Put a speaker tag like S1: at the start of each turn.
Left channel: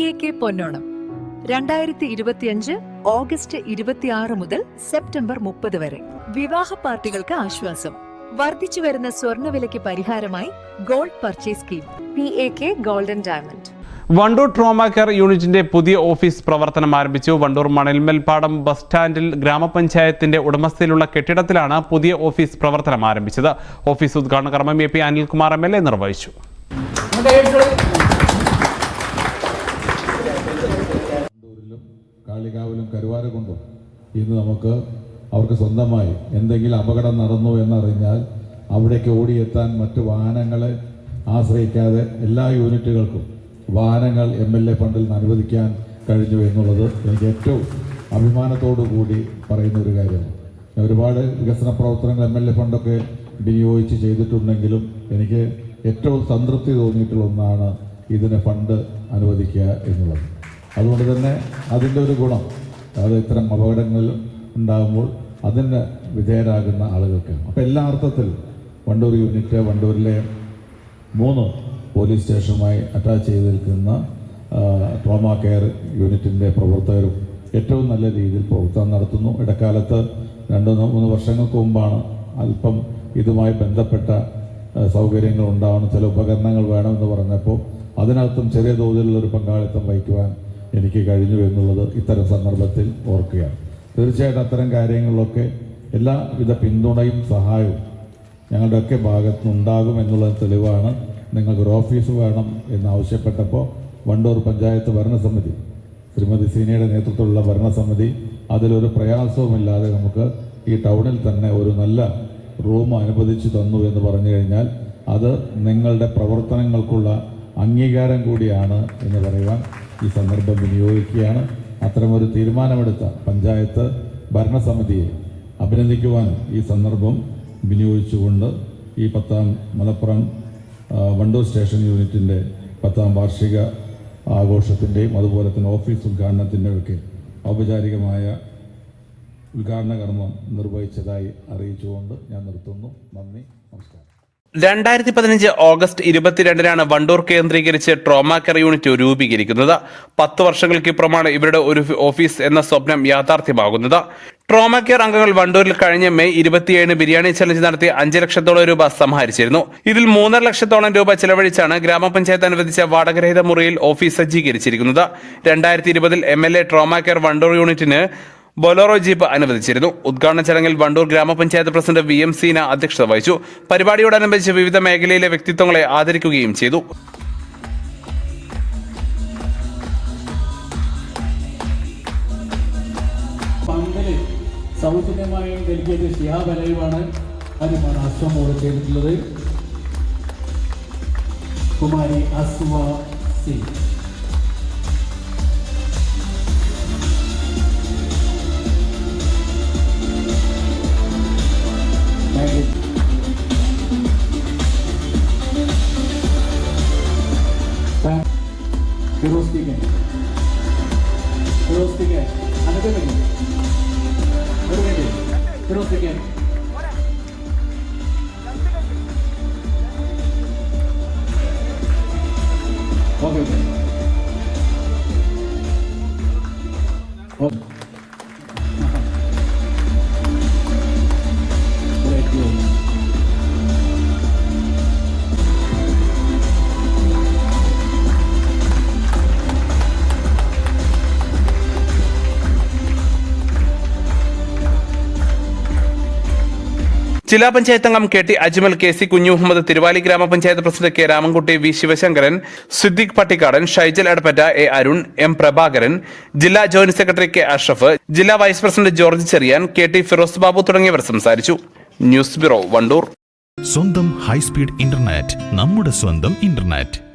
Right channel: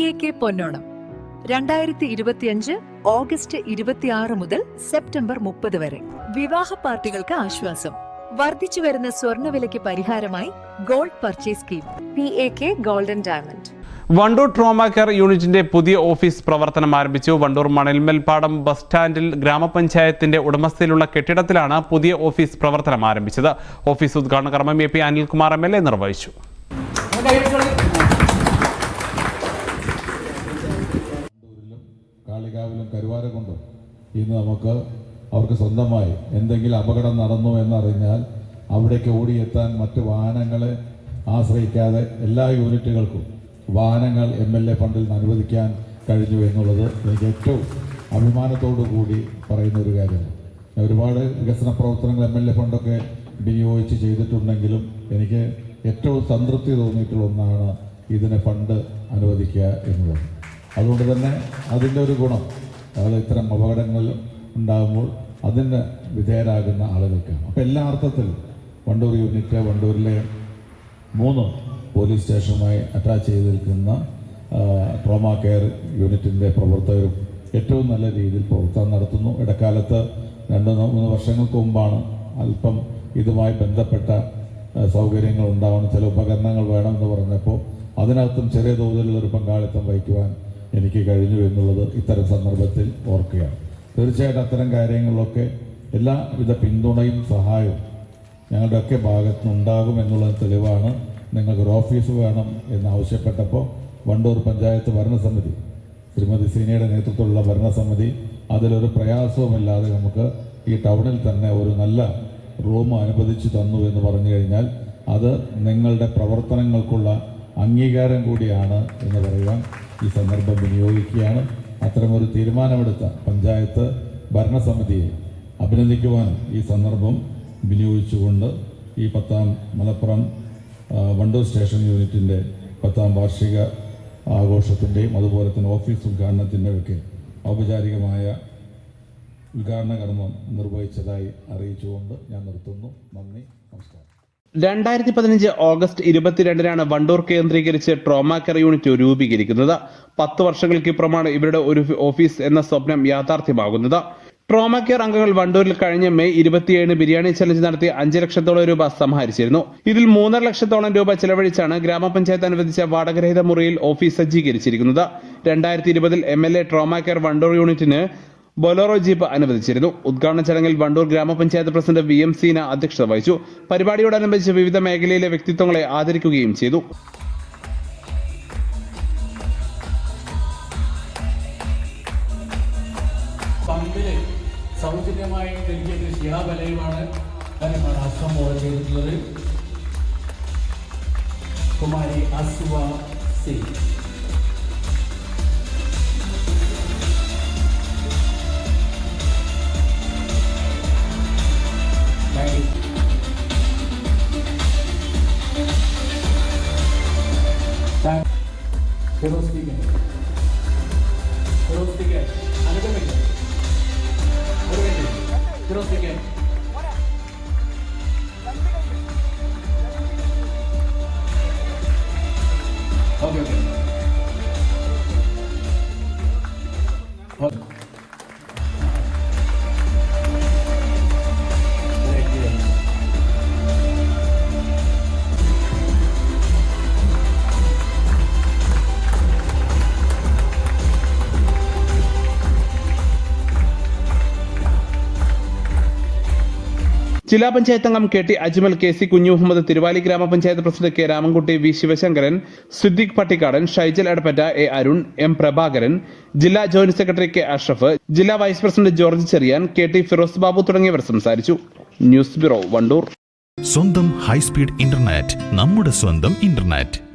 S1: A K പൊന്നോണം. രണ്ടായിരത്തി ഇരുപത്തിയഞ്ച് August ഇരുപത്തിയാറ് മുതൽ സെപ്റ്റംബർ മുപ്പത് വരെ. വിവാഹ പാർട്ടികൾക്ക് ആശ്വാസം. വർദ്ധിച്ചു വരുന്ന സ്വർണവിലയ്ക്ക് പരിഹാരമായി gold purchase scheme. P A K golden diamond.
S2: Wandoor trauma care യൂണിറ്റിന്റെ പുതിയ ഓഫീസ് പ്രവർത്തനം ആരംഭിച്ചു. വണ്ടൂർ മണൽമൽപ്പാടം ബസ് സ്റ്റാൻഡിൽ ഗ്രാമപഞ്ചായത്തിന്റെ ഉടമസ്ഥയിലുള്ള കെട്ടിടത്തിലാണ് പുതിയ ഓഫീസ് പ്രവർത്തനം ആരംഭിച്ചത്. ഓഫീസ് ഉദ്ഘാടന കർമ്മം A P Anilkumar M L A നിർവഹിച്ചു.
S3: കാളികാവിലും കൊണ്ടും? ഇന്ന് നമുക്ക് അവർക്ക് സ്വന്തമായി എന്തെങ്കിലും അപകടം നടന്നു എന്നറിഞ്ഞാൽ അവിടേക്ക് ഓടിയെത്താൻ മറ്റു വാഹനങ്ങളെ ആശ്രയിക്കാതെ എല്ലാ യൂണിറ്റുകൾക്കും വാഹനങ്ങൾ എം എൽ എ ഫണ്ടിൽ നിന്ന് അനുവദിക്കാൻ കഴിഞ്ഞു എന്നുള്ളത് എനിക്ക് ഏറ്റവും അഭിമാനത്തോടു കൂടി പറയുന്ന ഒരു കാര്യമാണ് ഒരുപാട് വികസന പ്രവർത്തനങ്ങൾ എം എൽ എ ഫണ്ടൊക്കെ വിനിയോഗിച്ച് ചെയ്തിട്ടുണ്ടെങ്കിലും എനിക്ക് ഏറ്റവും സംതൃപ്തി തോന്നിയിട്ടുള്ള ഒന്നാണ് ഇതിന് ഫണ്ട് അനുവദിക്കുക എന്നുള്ളത്. അതുകൊണ്ട് തന്നെ അതിന്റെ ഒരു ഗുണം അത് ഇത്തരം അപകടങ്ങൾ ഉണ്ടാകുമ്പോൾ അതിന് വിധേയരാകുന്ന ആളുകൾക്ക് അപ്പോൾ എല്ലാ അർത്ഥത്തിലും വണ്ടൂർ യൂണിറ്റ് വണ്ടൂരിലെ മൂന്ന് പോലീസ് സ്റ്റേഷനുമായി അറ്റാച്ച് ചെയ്ത് നിൽക്കുന്ന ട്രോമ കെയർ യൂണിറ്റിന്റെ പ്രവർത്തകരും ഏറ്റവും നല്ല രീതിയിൽ പ്രവർത്തനം നടത്തുന്നു. ഇടക്കാലത്ത് രണ്ട് മൂന്ന് വർഷങ്ങൾക്ക് മുമ്പാണ് അല്പം ഇതുമായി ബന്ധപ്പെട്ട സൗകര്യങ്ങൾ ഉണ്ടാവണം ചില ഉപകരണങ്ങൾ വേണമെന്ന് പറഞ്ഞപ്പോൾ അതിനകത്തും ചെറിയ തോതിലുള്ള ഒരു പങ്കാളിത്തം വഹിക്കുവാൻ എനിക്ക് കഴിഞ്ഞു എന്നുള്ളത് ഇത്തരം സന്ദർഭത്തിൽ ഓർക്കുകയാണ്. തീർച്ചയായിട്ടും അത്തരം കാര്യങ്ങളിലൊക്കെ എല്ലാവിധ പിന്തുണയും സഹായവും ഞങ്ങളുടെയൊക്കെ ഭാഗത്ത് നിന്നുണ്ടാകും എന്നുള്ള തെളിവാണ്. നിങ്ങൾക്ക് ഒരു ഓഫീസ് വേണം എന്ന് ആവശ്യപ്പെട്ടപ്പോൾ വണ്ടൂർ പഞ്ചായത്ത് ഭരണസമിതി ശ്രീമതി സീനയുടെ നേതൃത്വത്തിലുള്ള ഭരണസമിതി അതിലൊരു പ്രയാസവുമില്ലാതെ നമുക്ക് ഈ ടൗണിൽ തന്നെ ഒരു നല്ല റൂം അനുവദിച്ചു തന്നു എന്ന് പറഞ്ഞു കഴിഞ്ഞാൽ അത് നിങ്ങളുടെ പ്രവർത്തനങ്ങൾക്കുള്ള അംഗീകാരം കൂടിയാണ് എന്ന് പറയുവാൻ ഈ സന്ദർഭം വിനിയോഗിക്കുകയാണ്. അത്തരമൊരു തീരുമാനമെടുത്ത പഞ്ചായത്ത് ഭരണസമിതിയെ അഭിനന്ദിക്കുവാൻ ഈ സന്ദർഭം വിനിയോഗിച്ചുകൊണ്ട് ഈ പത്താം മലപ്പുറം വണ്ടൂർ സ്റ്റേഷൻ യൂണിറ്റിന്റെ പത്താം വാർഷിക ആഘോഷത്തിന്റെയും അതുപോലെ തന്നെ ഓഫീസ് ഉദ്ഘാടനത്തിന്റെ ഒക്കെ ഔപചാരികമായ ഉദ്ഘാടന കർമ്മം നിർവഹിച്ചതായി അറിയിച്ചുകൊണ്ട് ഞാൻ നിർത്തുന്നു. നന്ദി നമസ്കാരം.
S2: രണ്ടായിരത്തി പതിനഞ്ച് ഓഗസ്റ്റ് ഇരുപത്തിരണ്ടിനാണ് വണ്ടൂർ കേന്ദ്രീകരിച്ച് ട്രോമ കെയർ യൂണിറ്റ് രൂപീകരിക്കുന്നത്. പത്ത് വർഷങ്ങൾക്കിപ്പുറമാണ് ഇവരുടെ ഒരു ഓഫീസ് എന്ന സ്വപ്നം യാഥാർത്ഥ്യമാകുന്നത്. ട്രോമ കെയർ അംഗങ്ങൾ വണ്ടൂരിൽ കഴിഞ്ഞ മെയ് ഇരുപത്തിയേഴിന് ബിരിയാണി ചലഞ്ച് നടത്തി അഞ്ച് ലക്ഷത്തോളം രൂപ സമാഹരിച്ചിരുന്നു. ഇതിൽ മൂന്നര ലക്ഷത്തോളം രൂപ ചെലവഴിച്ചാണ് ഗ്രാമപഞ്ചായത്ത് അനുവദിച്ച വാടകരഹിത മുറിയിൽ ഓഫീസ് സജ്ജീകരിച്ചിരിക്കുന്നത്. രണ്ടായിരത്തി ഇരുപതിൽ M L A trauma care Wandoor യൂണിറ്റിന് ബൊലോറോ ജീപ്പ് അനുവദിച്ചിരുന്നു. ഉദ്ഘാടന ചടങ്ങിൽ വണ്ടൂർ ഗ്രാമപഞ്ചായത്ത് പ്രസിഡന്റ് വി എം സീന അധ്യക്ഷത വഹിച്ചു. പരിപാടിയോടനുബന്ധിച്ച് വിവിധ മേഖലയിലെ വ്യക്തിത്വങ്ങളെ ആദരിക്കുകയും ചെയ്തു.
S4: Kumari Asuva Singh よろしくいけよろしくいけあなたがいけあなたがい
S2: けよろしくいけ Okay, okay. okay. Panchayat അംഗം K T Ajmal K C Kunju Muhammad Thiruvali ഗ്രാമപഞ്ചായത്ത് president K Ramankutty V Sivasankaran Siddique Pattikkadan Shaijal Adappatta A Arun M Prabhakaran ജില്ലാ ജോയിന്റ് സെക്രട്ടറി കെ അഷ്റഫ് ജില്ലാ vice president George Cherian K T Firoz Babu തുടങ്ങിയവർ സംസാരിച്ചു. News bureau Wandoor.
S5: സ്വന്തം high speed internet നമ്മുടെ സ്വന്തം internet.